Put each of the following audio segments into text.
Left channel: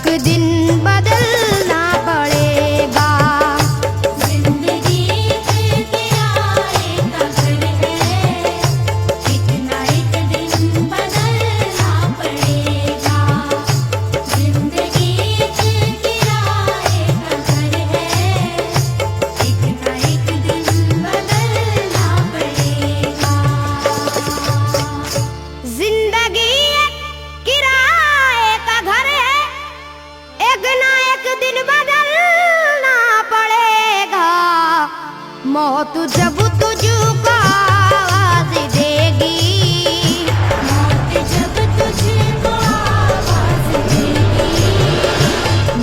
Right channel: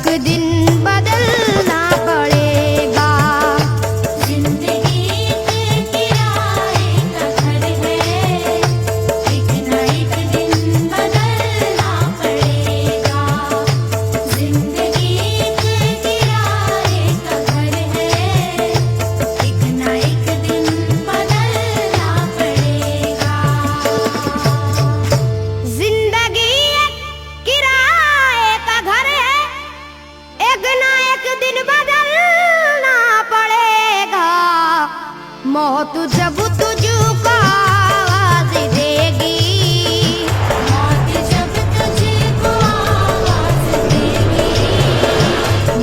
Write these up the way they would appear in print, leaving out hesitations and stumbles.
एक दिन बदलना पड़ेगा। जिंदगी एक किराए का घर है, एक ना एक दिन बदलना पड़ेगा। जिंदगी एक किराए का घर है, एक ना एक दिन बदलना पड़ेगा। जिंदगी एक किराए का घर है, एक ना एक दिन बदलना पड़ेगा। मौत जब तुझको आवाज देगी, मौत जब तुझको आवाज देगी,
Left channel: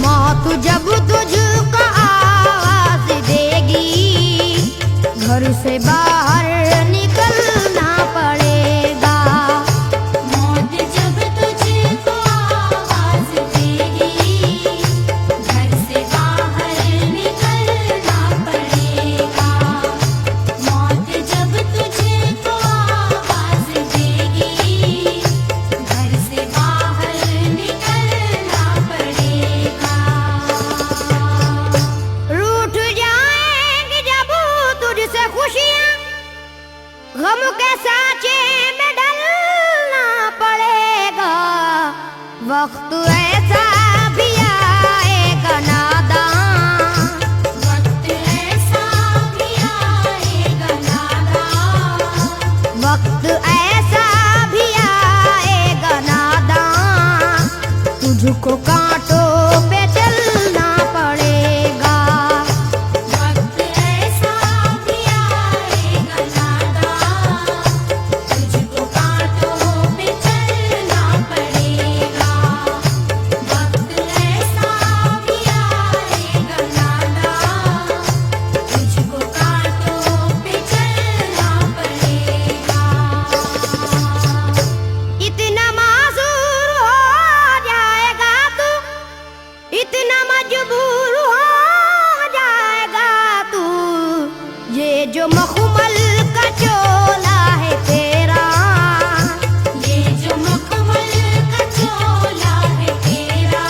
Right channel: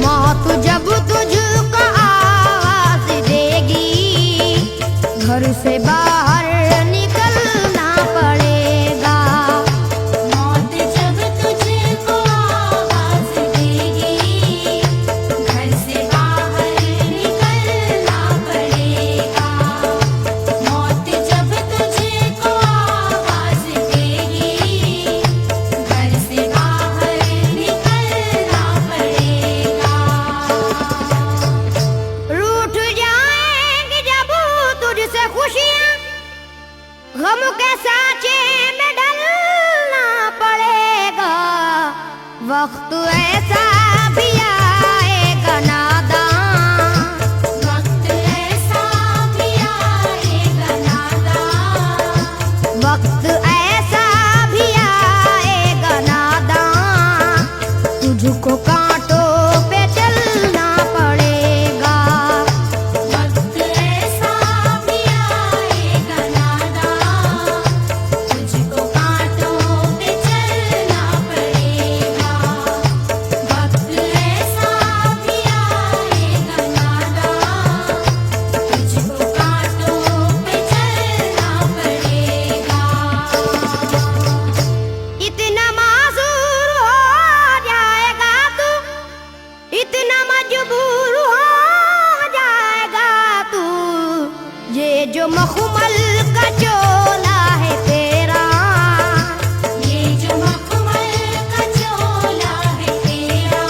मौत जब तुझको आवाज देगी, घर से बाहर निकलना पड़ेगा। मौत जब तुझको आवाज देगी, घर से बाहर निकलना पड़ेगा। मौत जब तुझको आवाज देगी, घर से बाहर निकलना पड़ेगा। रूठ जाएंगी जब तुझसे खुशियां, गम के साँचे में ढलना पड़ेगा। वक्त ऐसा भी आएगा नादान, वक्त ऐसा भी आएगा नादान, वक्त ऐसा भी आएगा नादान, तुझको कांटों पे चलना पड़ेगा। वक्त ऐसा भी आएगा नादान, तुझको कांटों पे चलना पड़ेगा। वक्त ऐसा भी आएगा नादान, तुझको कांटों पे चलना पड़ेगा। इतना मासूर हो जाएगा तू, इतना मजबूर हो जाएगा तू, ये जो मखमल का चोला है तेरा, ये जो मखमल का चोला है तेरा,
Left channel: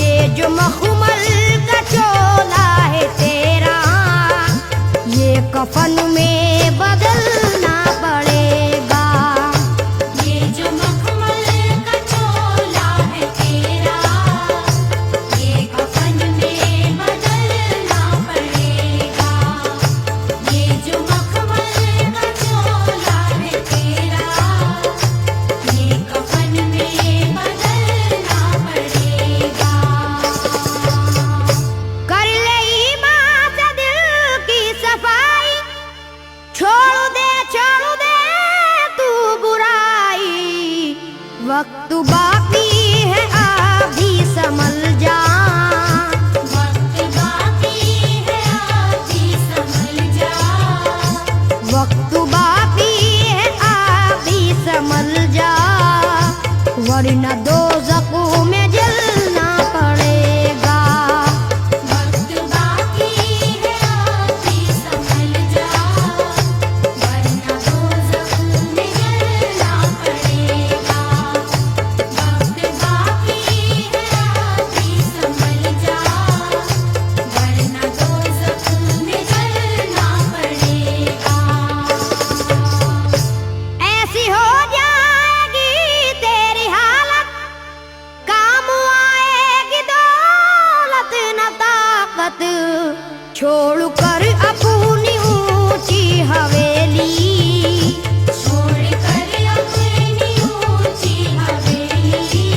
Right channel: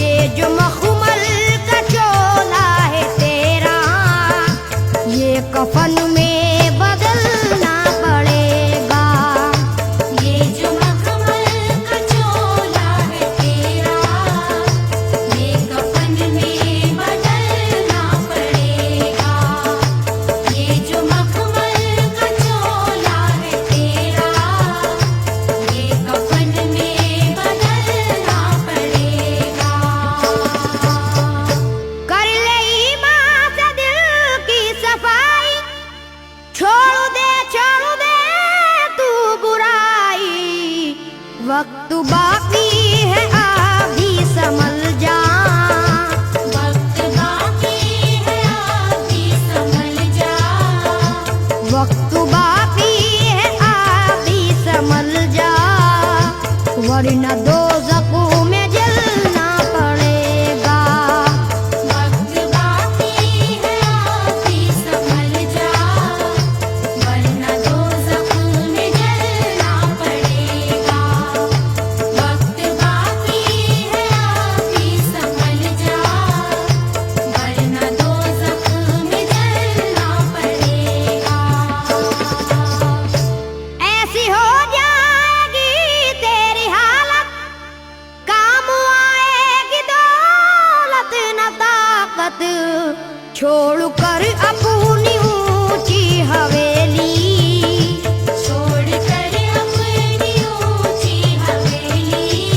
ये जो मखमल का चोला है तेरा, ये कफन में बदलना पड़ेगा। ये जो मखमल का चोला है तेरा, ये कफन में बदलना पड़ेगा। ये जो मखमल का चोला है तेरा, ये कफन में बदलना पड़ेगा। कर ले ईमान से दिल की सफाई, छोड़ दे तू बुराई। वक्त बाकी है अभी संभल जा, वक्त बाकी है अभी संभल जा, वक्त बाकी है अभी संभल जा, वरना दोज़ख में जलना पड़ेगा। वक्त बाकी है अभी संभल जा, वरना दोज़ख में जलना पड़ेगा। वक्त बाकी है अभी संभल जा, वरना दोज़ख में जलना पड़ेगा। ऐसी हो जाएगी तेरी हालत, काम आएगी दौलत न ताकत, छोड़ कर अपनी ऊंची हवेली, छोड़ कर अपनी ऊंची हवेली,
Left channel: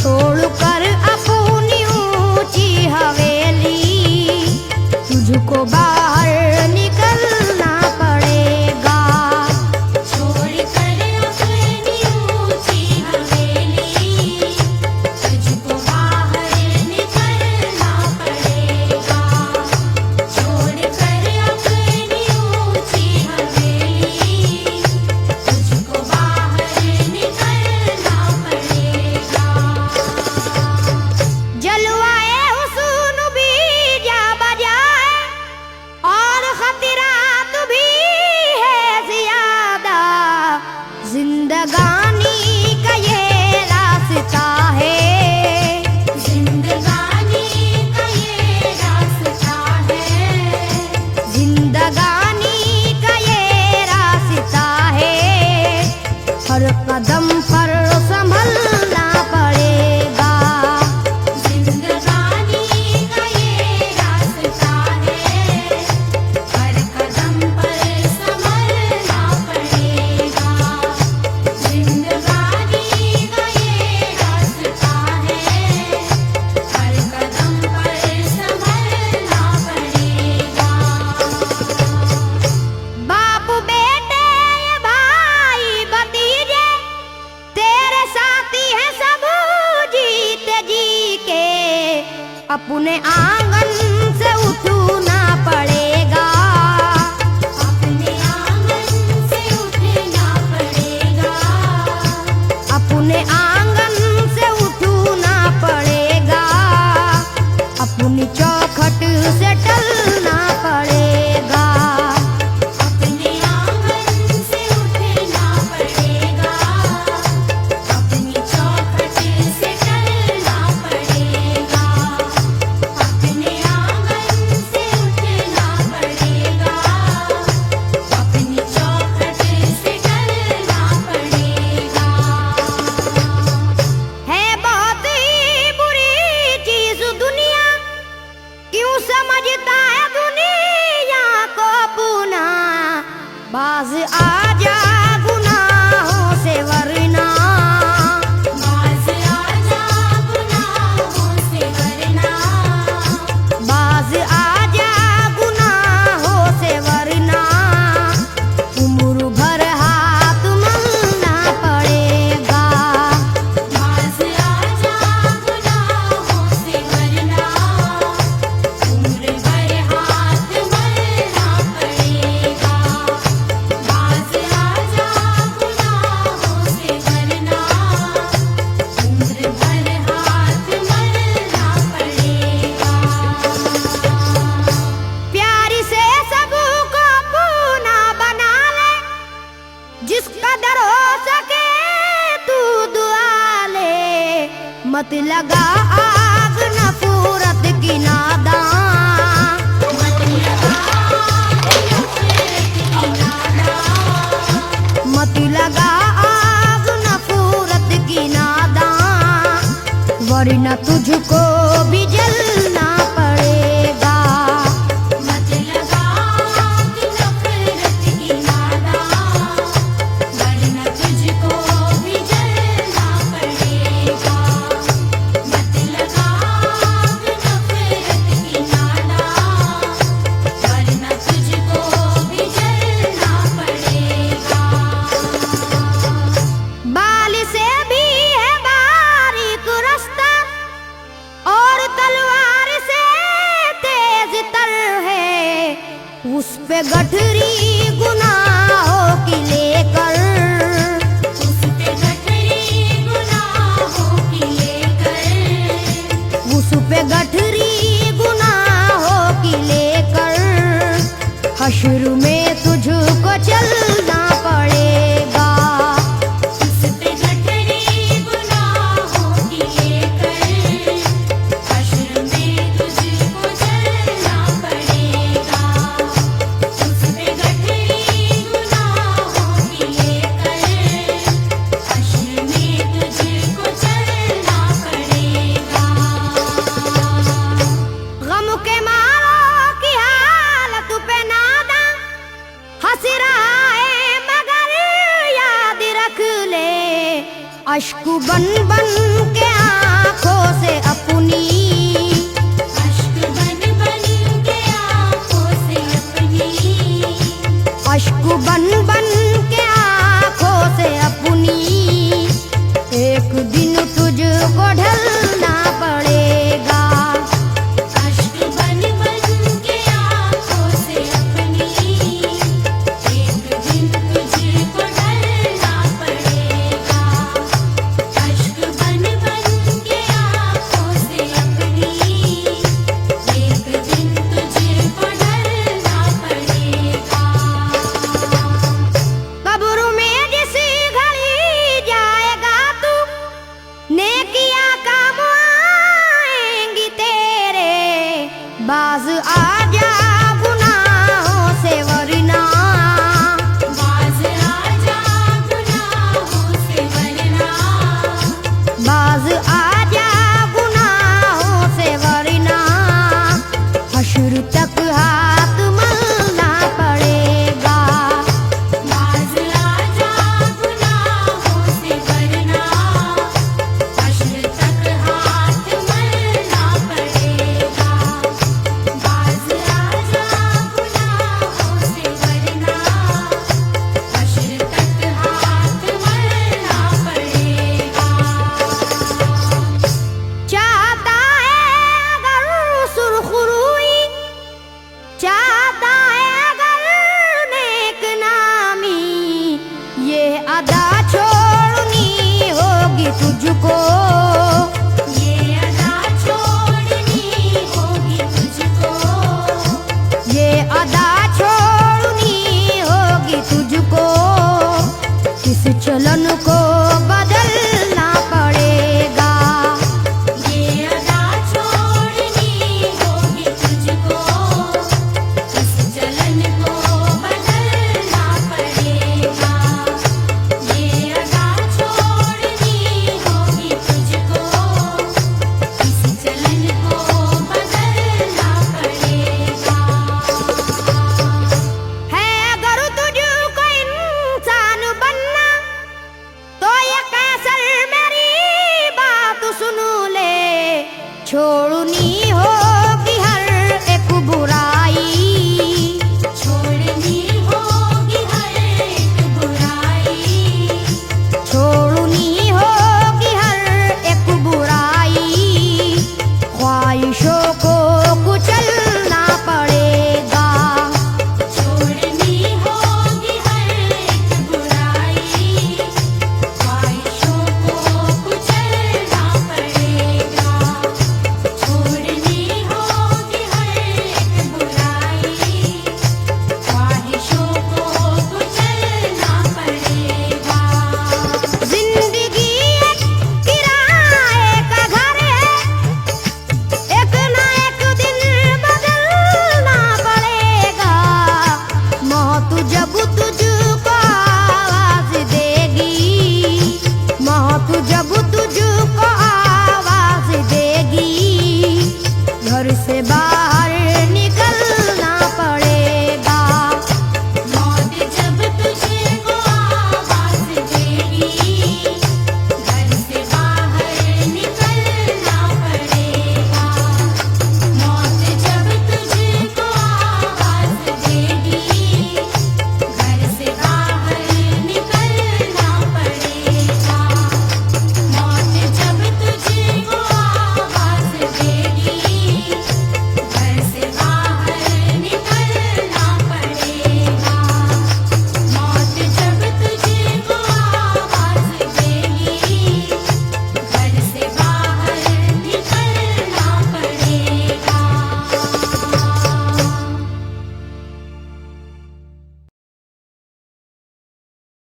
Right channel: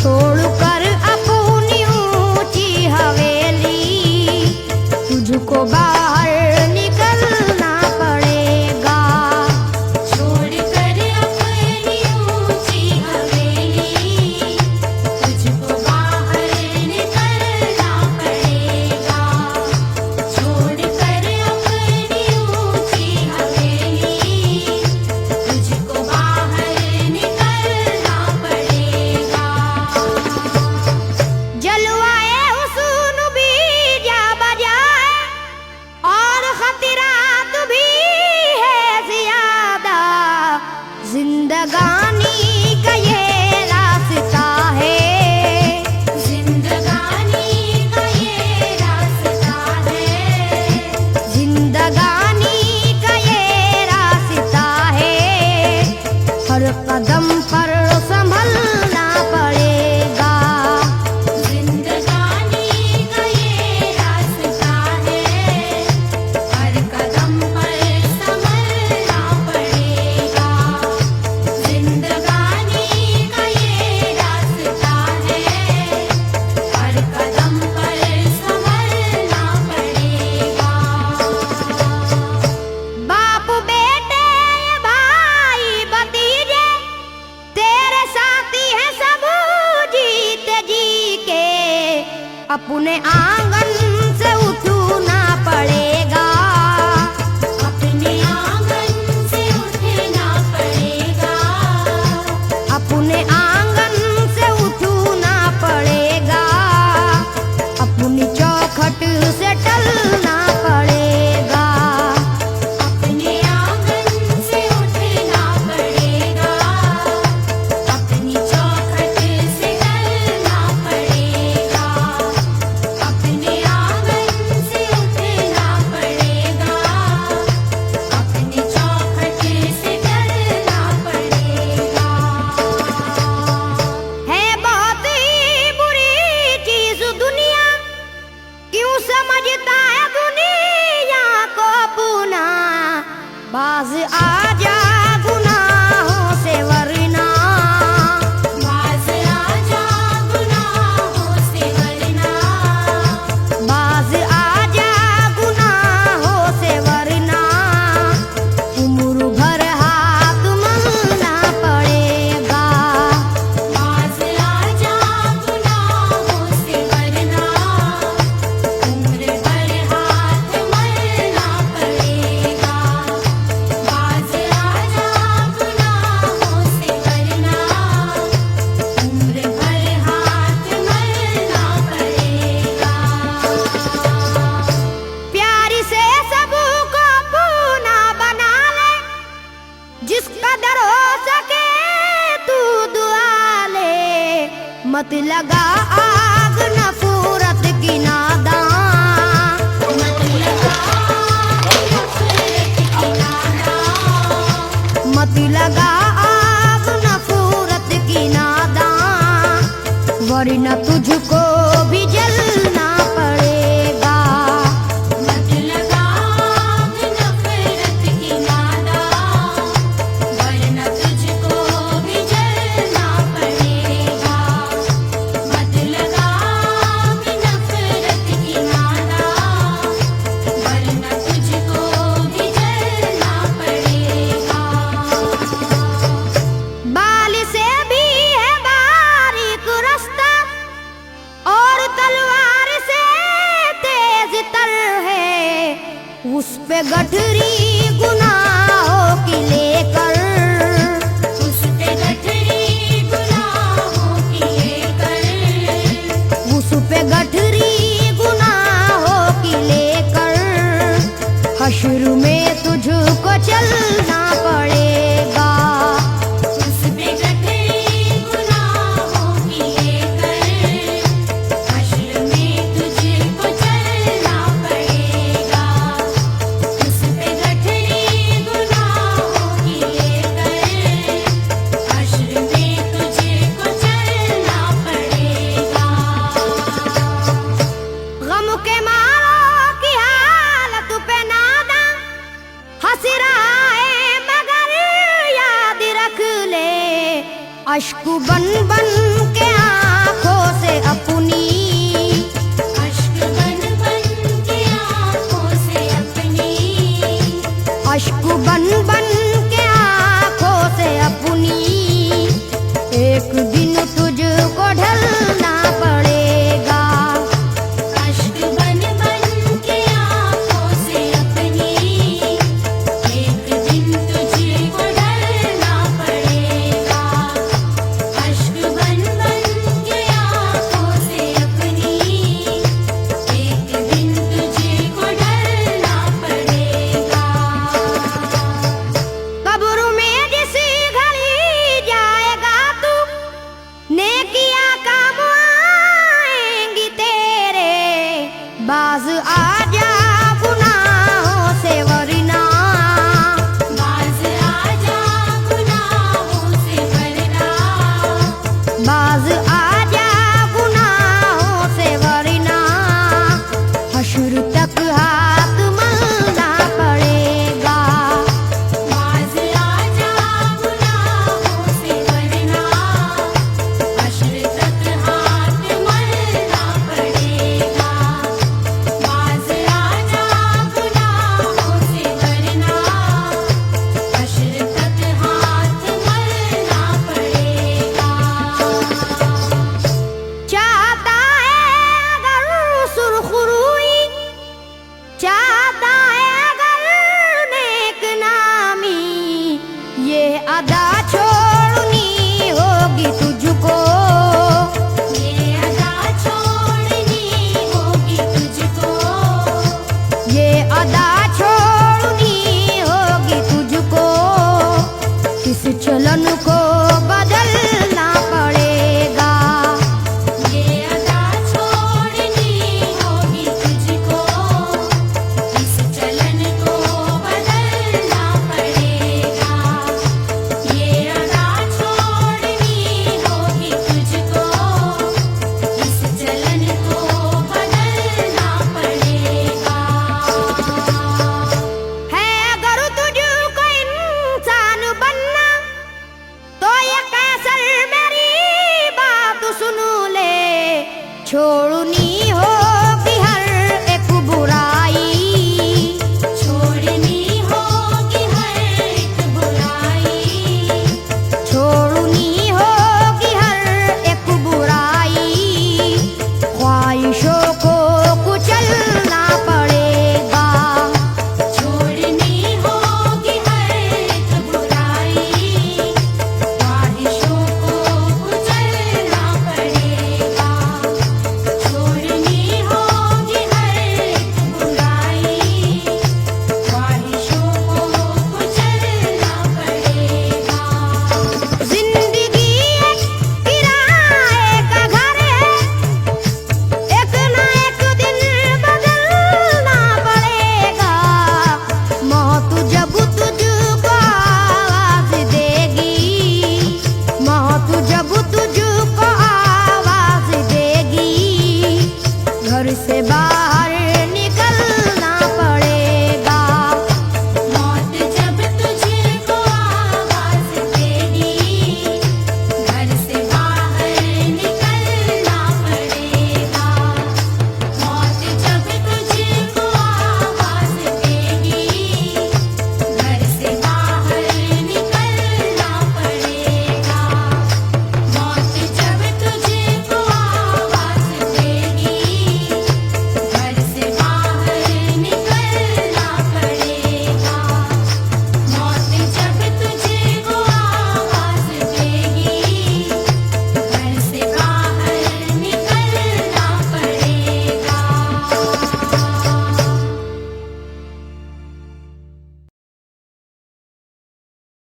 छोड़ कर अपनी ऊंची हवेली, तुझको बाहर निकलना पड़ेगा। छोड़ कर अपनी ऊंची हवेली, तुझको बाहर निकलना पड़ेगा। छोड़ कर अपनी ऊंची हवेली, तुझको बाहर निकलना पड़ेगा। जलवाए हुस्न भी जा बजाए, और खतरा जिंदगानी का ये रास्ता है, हर कदम पर संभलना पड़ेगा। जिंदगानी का ये रास्ता है, हर कदम पर संभलना पड़ेगा। जिंदगानी का ये रास्ता है, हर कदम पर संभलना पड़ेगा। बाप बेटे भाई भतीजे तेरे साथी हैं सब जीते जी के, अपने आंगन से उठना पड़ेगा। अपने आंगन से उठना पड़ेगा। अपने आंगन से उठना पड़ेगा, अपनी चौखट से टलना पड़ेगा। अपने आंगन से उठना पड़ेगा, अपनी चौखट से टलना पड़ेगा। अपने आंगन से उठना पड़ेगा, अपनी चौखट से टलना पड़ेगा। है बहुत ही बुरी चीज दुनिया, क्यों समझता है दुनिया को अपना। बाज आ जा गुनाहों से वरना, बाज आजा गुनाहों से वरना। बाज आ जा गुनाहों से वरना, उम्र भर हाथ मलना पड़ेगा। बाज आजा गुनाहों से वरना, उम्र भर हाथ मलना पड़ेगा। बाज आजा गुनाहों से वरना, उम्र भर हाथ मलना पड़ेगा। प्यारी से सबको अपना बना ले, जिस कदर हो सके तू दुआ ले। मत लगा आग नफरत की नादान, मत लगा आग नफरत की नादान, वरना तुझको भी जलना पड़ेगा। मत लगा आग नफरत की नादान, वरना तुझको भी जलना पड़ेगा। मत लगा आग नफरत की नादान, वरना तुझको भी जलना पड़ेगा। बाल से भी है बारीक रास्ता, और तलवार से तेज तर है। उस पे गठरी गुनाहों की लेकर, उस पे गठरी गुनाहों की लेकर, उस पे गठरी गुनाहों की लेकर, हश्र में तुझको चलना पड़ेगा। उस पे गठरी गुनाहों की लेकर, हश्र में तुझको चलना पड़ेगा। उस पे गठरी गुनाहों की लेकर, हश्र में तुझको चलना पड़ेगा। गम के मारों की हालत पे नादा हंस रहा है, मगर याद रख ले, अश्क बन बन के आंखों से अपनी, अश्क बन बन के आँखों से अपनी, अश्क बन बन के आंखों से अपनी, एक दिन तुझको ढलना पड़ेगा। अश्क बन बन के आँखों से अपनी, एक दिन तुझको डरना पड़ेगा। अश्क बन बन के आँखों से अपनी, एक दिन तुझको डरना पड़ेगा। कब्र में जिस घड़ी जाएगा तू, तुझको, ये अदा छोड़नी होगी तुझको, ये अदा छोड़नी होगी तुझको, इस चलन को बदलना पड़ेगा।